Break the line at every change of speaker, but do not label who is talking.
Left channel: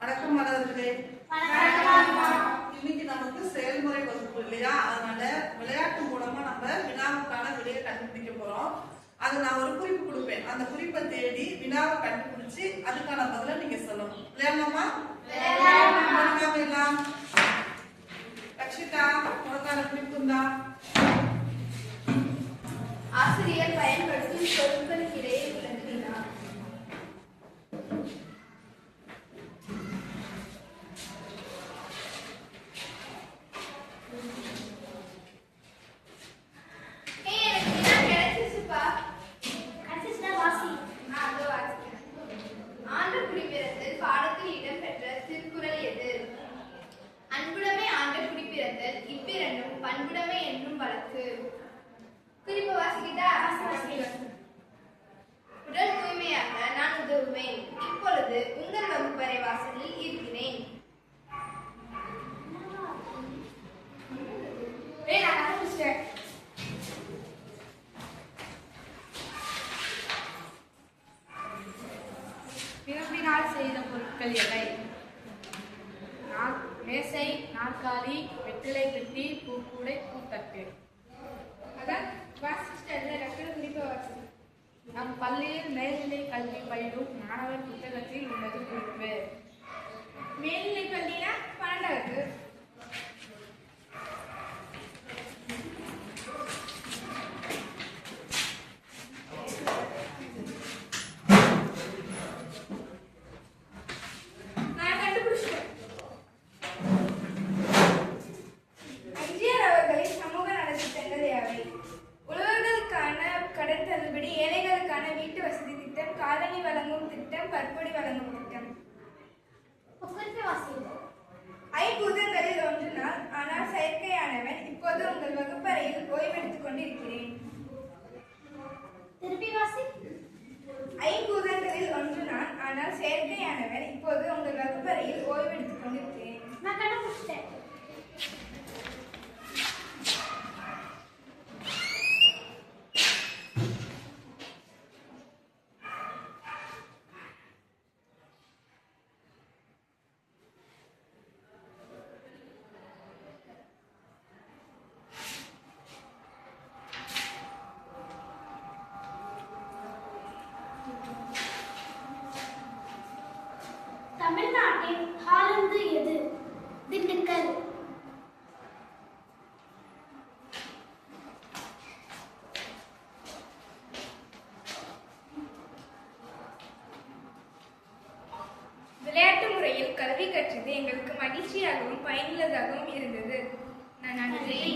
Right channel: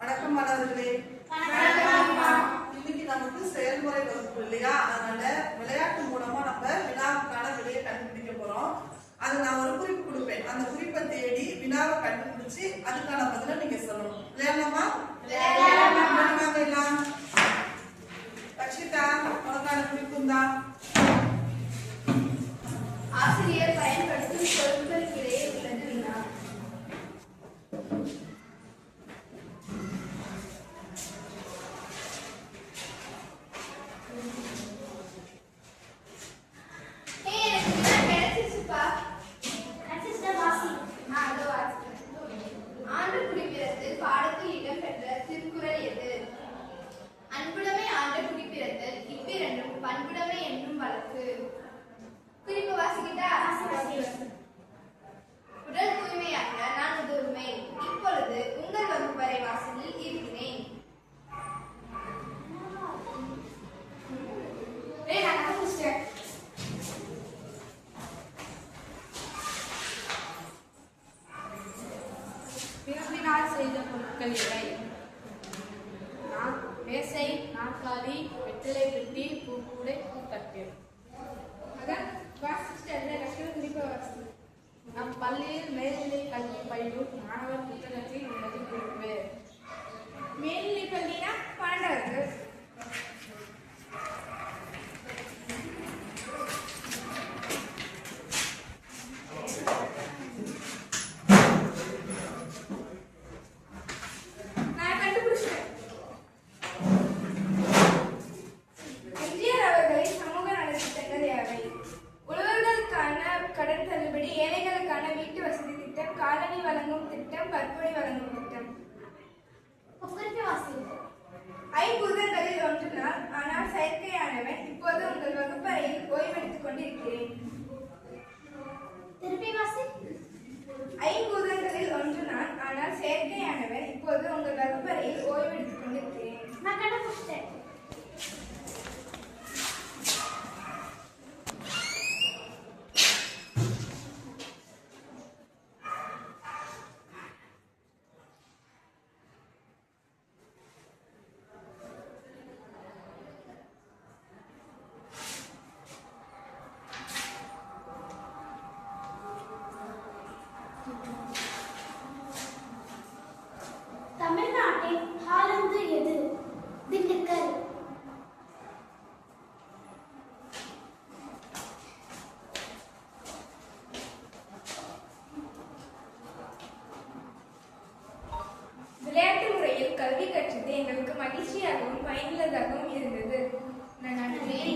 வணக்கம் மாணவர்களே இன்னைக்கு நமக்கு செயல்முறை வகுப்பு இல்லையா அதனால விளையாட்டு மூலமா நம்ம வினாவுக்கான விடையை கண்டுபிடிக்க போறோம் அது நான் ஒரு குறிப்பு கொடுப்பேன் அந்த குறிப்பை தேடி வினாவை கண்டுபிடிச்சு அதுக்கான பதில நீங்க சொல்லணும் விளையாடலாமா
விளையாடலாம்
ஆசிரியர் பயன்படுத்தும் சொற்கள்
தேர்தல் இவ்விரண்டும் பண்புடமை என்னும் வழக்கு குறிப்பு வாசிக்கிட்டா உடல் தூய்மையாக நான் உதவுவேன் இப்பொழுது உங்கள் வகுப்பறை வாசலில் இருக்கிறேன் பிறப்பினால் செய்த பொருட்கள் எவை மேசை நாற்காலி ಮಕ್ಕಳೇ ಗಟ್ಟಿ ಕೂ ಕೂಡೆ ಕೂತಕ್ಕೆ ವಾಸಿಷ್ಟ ಎಲ್ಲ ರಕ್ಷಣ ಕುಡಿಪವಾಸಿ ನಮ್ಮ ಪಲ್ಲಿ ಮೇಲಿಲಿ ಕಲ್ಲಿ ಬೈಡು ಮಾನವ ಕೃತಗತಿ வழங்கும் திட்டம் கற்பொடி வழங்கும் திட்டம் ஐம்பூதங்களில் ஒன்று நான் ஆனால் செயற்கையானவன் இப்போது உங்கள் வகுப்பறையில் ஓய்வெடுத்துக் கொண்டிருக்கிறேன்
திருப்பி வாசி
ஐம்பூதங்களில் ஒன்று நான் ஆனால் செயற்கையானவர் இப்போது உங்கள் வகுப்பறையில் ஓய்வெடுத்துக் கொண்டிருக்கிறேன்
நான் கண்டுபிடிச்சிட்டேன் தமிழ்நாட்டின் ஹாலந்து எது திண்டுக்கல்
விளையாட்டு முறையில் கல்வி கற்றது எங்களுக்கு மகிழ்ச்சியாகவும் பயனுள்ளதாகவும் இருந்தது நன்றி